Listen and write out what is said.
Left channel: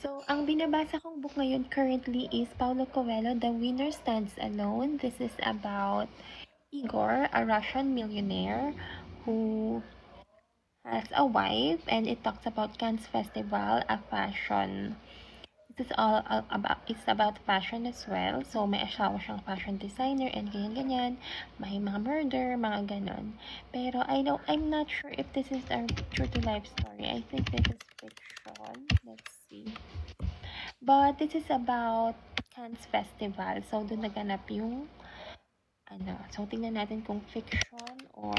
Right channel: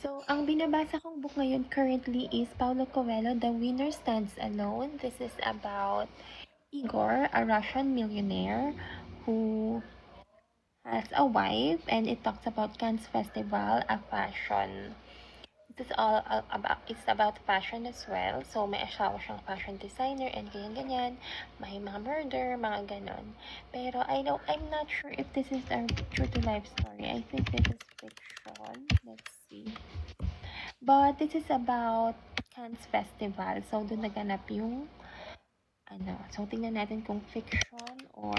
So, ang binabasa kong book ngayon currently is Paulo Coelho, The Winner Stands Alone. This is about Igor, a Russian millionaire who has a wife, and it talks about Cannes Festival, a fashion. This is all about, it's about fashion as well. So, may asawa siyang fashion designer and ganyan-ganyan. May mga murder, mga ganon. Pero I'm not sure if this is a true to life story. I think this is fiction. Let's see. But this is about Cannes Festival. So, doon naganap yung so, tingnan natin kung fiction or